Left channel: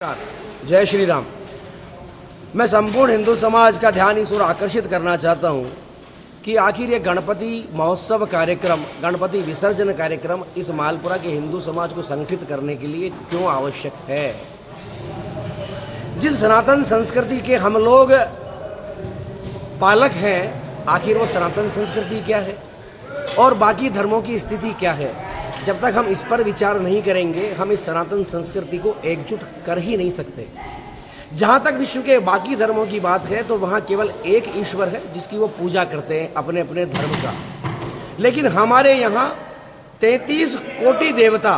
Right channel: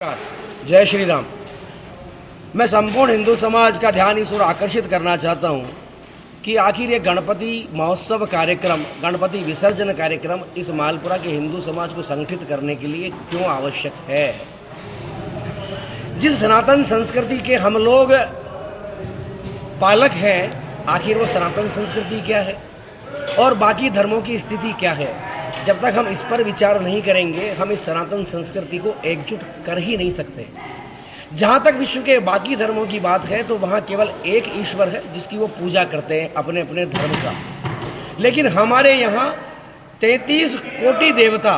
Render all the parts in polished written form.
जय श्री राम। मैं संपूर्ण हिंदू समाज का ध्यान इस ओर आकर्षित करना चाहता हूं कि आखिर ये गणपति महोत्सव कार्यक्रम, गणपति विसर्जन कार्यक्रम इस मालपुरा के हिंदू समाज को संगठित करने के लिए क्यों आवश्यक है। जिस सनातन संस्कृति के हम लोग पालक हैं, आखिर वो सनातन संस्कृति क्या है और बाकी धर्मों की स्थिति क्या है। जब तक हम इस पर विचार नहीं करेंगे, हम इस सनातन संस्कृति को एकजुट कर ही नहीं सकते। जहाँ तक विश्व के बाकी धर्मों की बात है तो वहाँ केवल एक ईश्वर है जिसकी वो पूजा करते हैं अपने अपने धर्म का। लेकिन हमारे यहाँ 33 कोटि देवता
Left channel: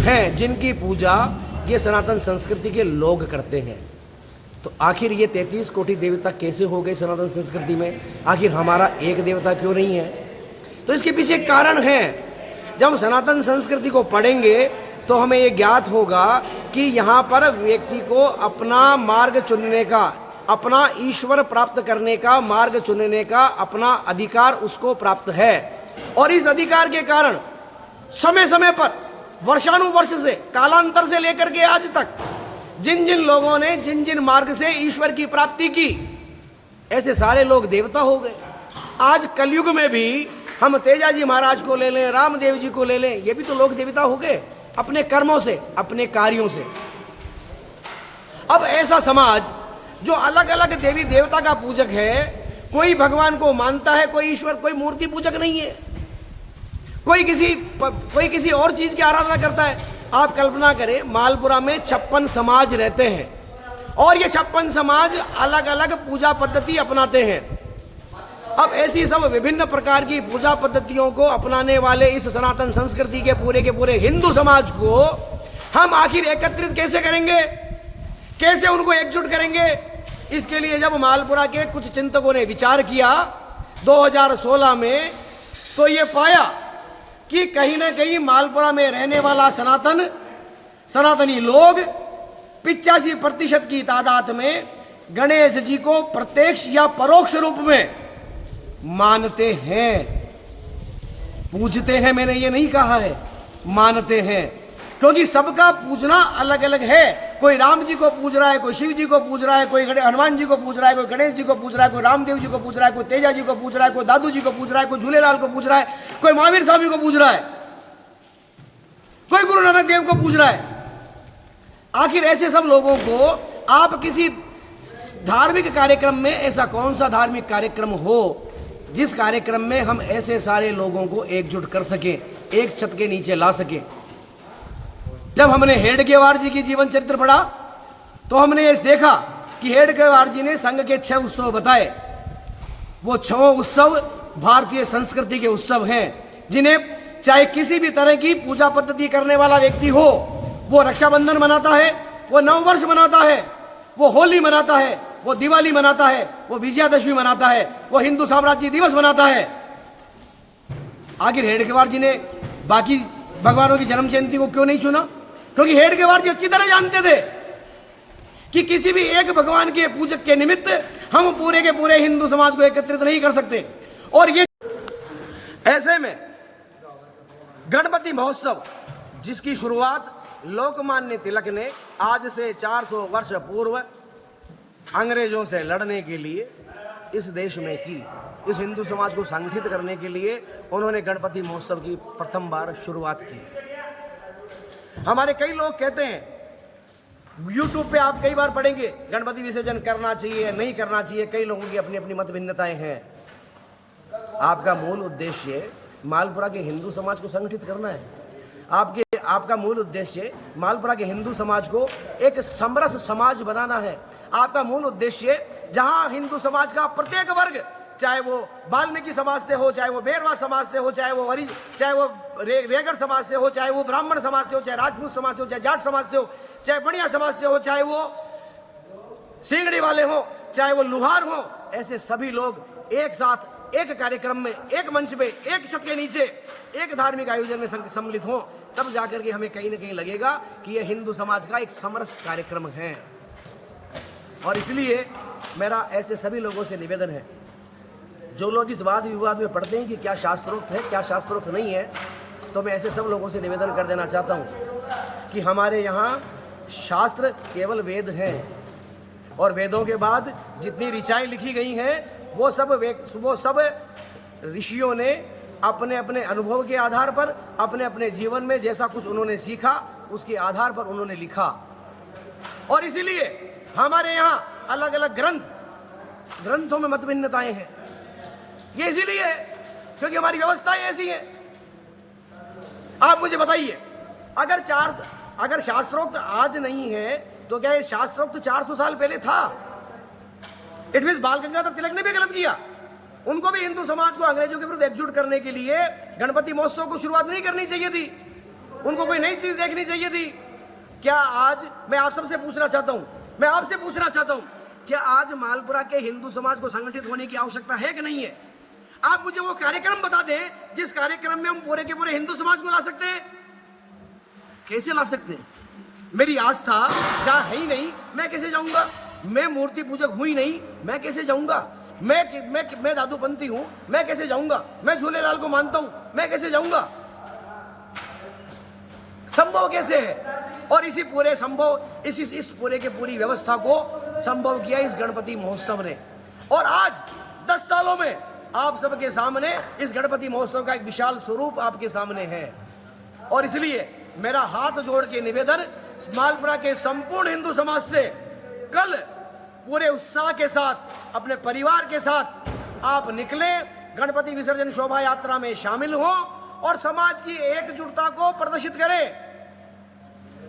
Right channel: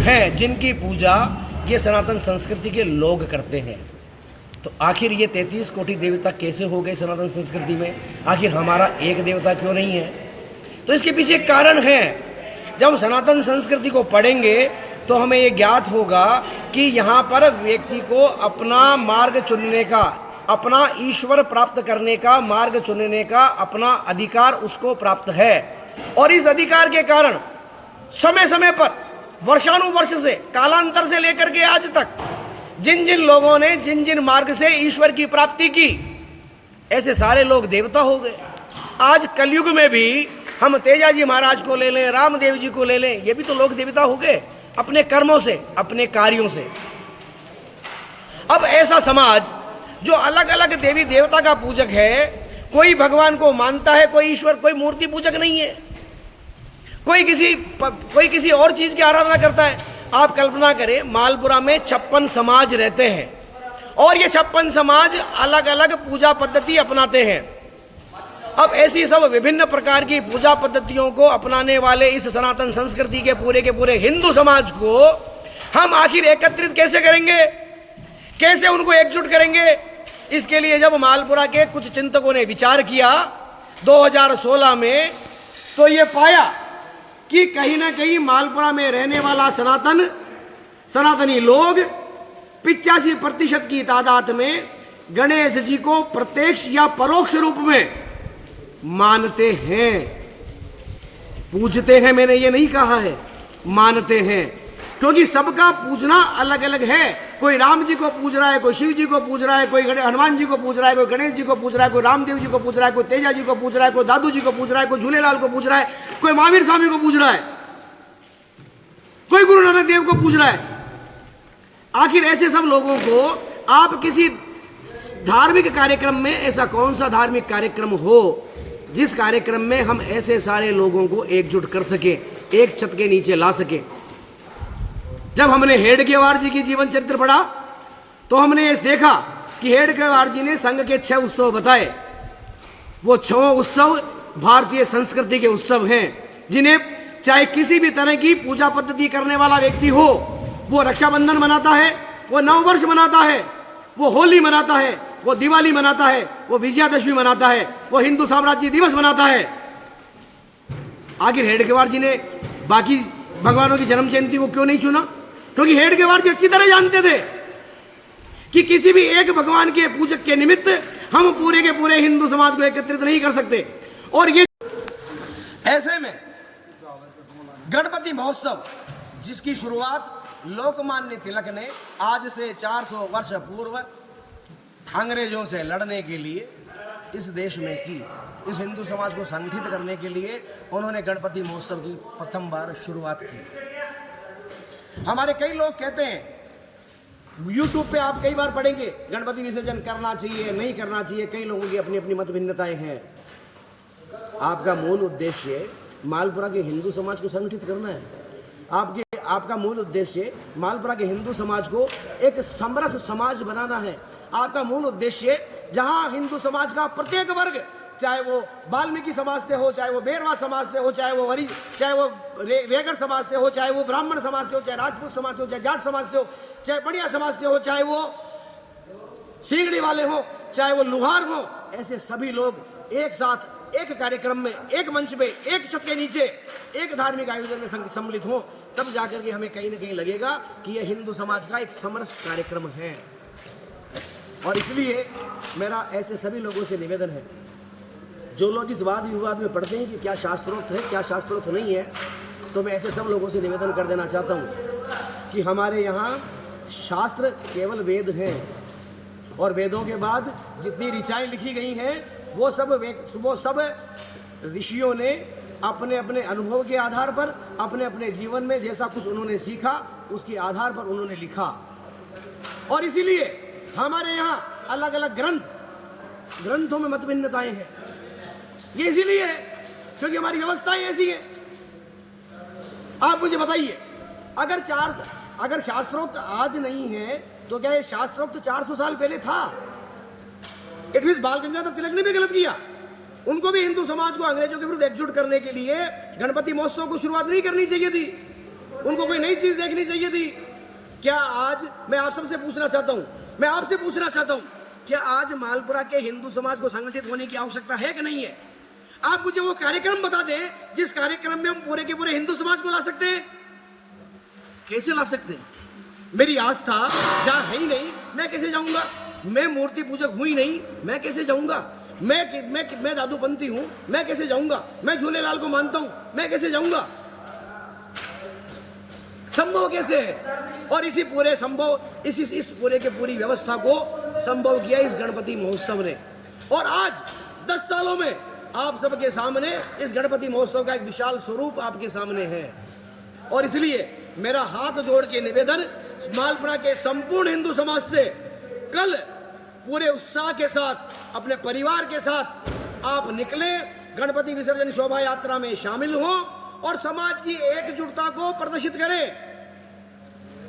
हैं जिनकी पूजा ये सनातन संस्कृति के लोग करते हैं। तो आखिर ये 33 कोटि देवता कैसे हो गए सनातन संस्कृति में? आखिर हमारा एक देवता क्यों नहीं है? तो इसके पीछे कारण है। जब हम सनातन संस्कृति को पढ़ेंगे तो हमें ये ज्ञात होगा कि यहाँ पर व्यक्ति को अपना मार्ग चुनने का, अपना ईश्वर प्राप्त करने का मार्ग चुनने का अपना अधिकार उसको प्राप्त है। और इस अधिकार के कारण समय समय पर वर्षानुवर्ष से, कालांतर से लेकर के आज तक जिन जिन लोगों ने जिन जिन मार्ग से ईश्वर की प्राप्ति की, ऐसे सारे लोग देवता हो गए। आज कलयुग में भी हम तेजाजी महाराज को ले लें, रामदेव जी को ले लें, ये भी तो लोग देवता हो गए अपने कर्मों से, अपने कार्यों से। अब ऐसा समाज जो अलग अलग देवी देवता का पूजक है, कोई भगवान को मानता है, कोई ईश्वर, कोई मूर्ति पूजक नहीं है, कोई किसी और चीज की आराधना करता है। आप कल्पना करें, मालपुरा में 56 समाज रहते हैं और ये 56 समाज अलग अलग पूजा पद्धति अपनाते हैं। अब ऐसी सब विभिन्न प्रकार की पूजा पद्धतियों को अपनाने वाले इस सनातन संस्कृति के पूरे हिंदू समाज को हम आखिर एकत्रित कैसे करेंगे, कैसे उनको एकजुट करेंगे? इसके लिए जब मालपुरा के कुछ चिंतकों ने विचार किया 2016 में, तो ये पाया कि कहीं ना कहीं मालपुरा में रहने वाला सनातनी लोग 85% की तादाद में गणेश जी को प्रत्यक्ष या परोक्ष रूप में मानते हैं, पूजते हैं। मैंने ये नहीं कहा है, मानते हैं, क्योंकि सबका पूजना अलग अलग है। कोई राम जी को पूज रहा है, कोई शिव जी को पूज रहा है, कोई हनुमान जी को पूज रहा है, कोई गणेश जी को पूज रहा है, कोई रामदेव जी को पूज रहा है, कोई तेजा जी को पूज रहा है, कोई दादू जी को पूज रहा है, कोई झूलेलाल को पूज रहा है, कोई महावीर स्वामी को पूज रहा है, कोई गुरु नानक देव को पूज रहा है। आखिर ऐसे सब लोगों को आप किसी धार्मिक कार्यक्रम में, ऐसा कौन सा धार्मिक कार्यक्रम हो जिस कार्यक्रम में हम ऐसे सारे लोगों को एकजुट कर सके, एक छत के नीचे ला सके? जब हमने हेडगेवार जी की जीवन चरित्र पढ़ा तो हमने ये देखा कि हेडगेवार जी ने संघ के 6 उत्सव बताए। वो 6 उत्सव भारतीय संस्कृति के उत्सव हैं, जिन्हें चाहे किसी भी तरह की पूजा पद्धति करने वाला व्यक्ति हो, वो रक्षाबंधन मनाता है, वो नववर्ष मनाता है, वो होली मनाता है, वो दिवाली मनाता है, वो विजयादशमी मनाता है, वो हिंदू साम्राज्य दिवस मनाता है। आखिर हेडगेवार जी ने बाकी भगवानों की जन्म जयंती को क्यों नहीं चुना? क्योंकि हेडगेवार जी अच्छी तरह जानते थे कि किसी भी एक भगवान के पूजक के निमित्त हम पूरे के पूरे हिंदू समाज को एकत्रित नहीं कर सकते। और ये ऐसे में गणपति महोत्सव, जिसकी शुरुआत लोकमान्य तिलक ने आज से 400 वर्ष पूर्व अंग्रेजों से लड़ने के लिए इस देश में की, इस हिंदू समाज को संगठित करने के लिए उन्होंने गणपति महोत्सव की प्रथम बार शुरुआत की। हमारे कई लोग कहते हैं, YouTube पे आप कई बार पढ़ेंगे, गणपति विसर्जन करना चाहिए, नहीं करना चाहिए। कई लोगों की अपनी अपनी मत भिन्नताएं हैं। आपका मूल उद्देश्य मालपुरा के हिंदू समाज को संगठित करना है। आपका मूल उद्देश्य मालपुरा के हिंदू समाज को एक समरस समाज बनाना है। आपका मूल उद्देश्य जहां हिंदू समाज का प्रत्येक वर्ग, चाहे वो वाल्मीकि समाज से हो, चाहे वो बेरवा समाज से हो, चाहे वो रेगड़ समाज से हो, चाहे वो ब्राह्मण समाज से हो, चाहे राजपूत समाज से हो, चाहे जाट समाज से हो, चाहे बढ़िया समाज से हो, चाहे वो सिंगड़ी वाले हो, चाहे वो लुहार हो, ऐसे सभी लोग एक साथ एक कार्यक्रम में, एक मंच में, एक छत के नीचे, एक धार्मिक आयोजन में सम्मिलित हों, तब जाकर के हमें कहीं ना कहीं लगेगा कि यह हिंदू समाज का एक समरस कार्यक्रम है। और इसलिए मेरा ऐसे सभी लोगों से निवेदन है, जो लोग इस वाद विवाद में पढ़ते हैं कि क्या शास्त्रोक्त है, क्या शास्त्रोक्त नहीं है, तो मैं ऐसे सब लोगों से निवेदन कर देना चाहता हूँ कि हमारे यहाँ शास्त्र केवल वेद हैं, और वेदों के बाद जितनी ऋचाएं लिखी गई हैं वो सब ऋषियों ने अपने अपने अनुभव के आधार पर, अपने अपने जीवन में जैसा कुछ उन्होंने सीखा उसके आधार पर उन्होंने लिखा। और इसीलिए हमारे यहाँ अलग अलग ग्रंथों में मतभिन्नताएं हैं। ये इसीलिए है क्योंकि हमारी व्यवस्थाएं ऐसी हैं। आप मुझे बताइए, अगर शास्त्रोक्त आज नहीं है तो क्या ये शास्त्रोक्त 400 साल पहले था? इट मीन्स बाल गंगाधर तिलक ने भी गलत किया। उनको भी हिंदू समाज को अंग्रेजों के विरुद्ध एकजुट करने के लिए गणपति महोत्सव को शुरुआत नहीं करनी चाहिए थी। उनको कोई नई चीज देखनी चाहिए थी। क्या आज मैं आप सबसे पूछना चाहता हूं, क्या आज मालपुरा के हिंदू समाज को संगठित होने की आवश्यकता है कि नहीं है? आप मुझे वो कार्यक्रम बता दें जिस कार्यक्रम में हम पूरे के पूरे हिंदू समाज को ला सकते हैं। कैसे ला सकते हैं? मेरी आस्था जहां है ही नहीं, मैं कैसे जाऊंगा? मैं मूर्ति पूजक हूं ही नहीं, मैं कैसे जाऊंगा? मैं दादूपंथी हूं, मैं कैसे जाऊंगा? मैं झूलेलाल को मानता हूं, मैं कैसे जाऊंगा? संभव कैसे है? और इस पूरे के पूरी व्यवस्था को संभव किया इस गणपति महोत्सव ने। और आज 10 सालों में आप सबके सामने इस गणपति महोत्सव का एक विशाल स्वरूप आपके सामने है। और इसलिए मेरा हाथ जोड़ के निवेदन मालपुरा के संपूर्ण हिंदू समाज से, कल पूरे उत्साह के साथ अपने परिवार के साथ आप निकले, गणपति विसर्जन शोभा यात्रा में शामिल हो और समाज की एकजुटता को प्रदर्शित करें।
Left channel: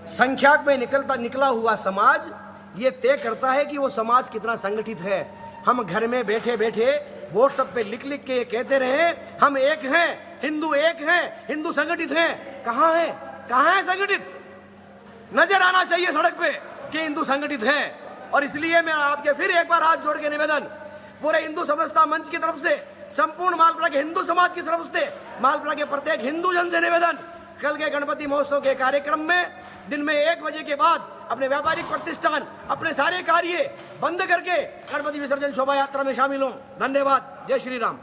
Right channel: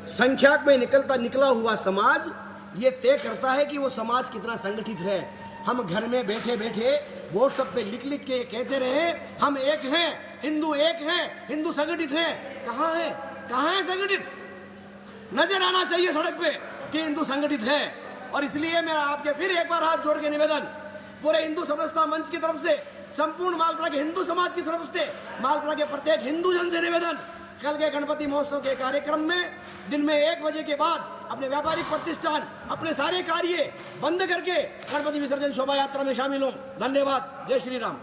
संख्या में निकला हुआ समाज ये तय करता है कि वो समाज कितना संगठित है। हम घर में बैठे बैठे व्हाट्सएप पे लिख के कहते रहे हम एक हैं, हिंदू एक हैं, हिंदू संगठित हैं। कहाँ है संगठित? नजर आना चाहिए सड़क पे कि हिंदू संगठित है। और इसलिए मेरा आपके फिर एक बार हाथ जोड़ के निवेदन, पूरे हिंदू समरसता मंच की तरफ से, संपूर्ण मालपुरा के हिंदू समाज की तरफ से, मालपुरा के प्रत्येक हिंदू जन से निवेदन, कल के गणपति महोत्सव के कार्यक्रम में दिन में 1 बजे के बाद अपने व्यापारिक प्रतिष्ठान, अपने सारे कार्य बंद करके गणपति विसर्जन शोभा यात्रा में शामिल हों। धन्यवाद। जय श्री राम।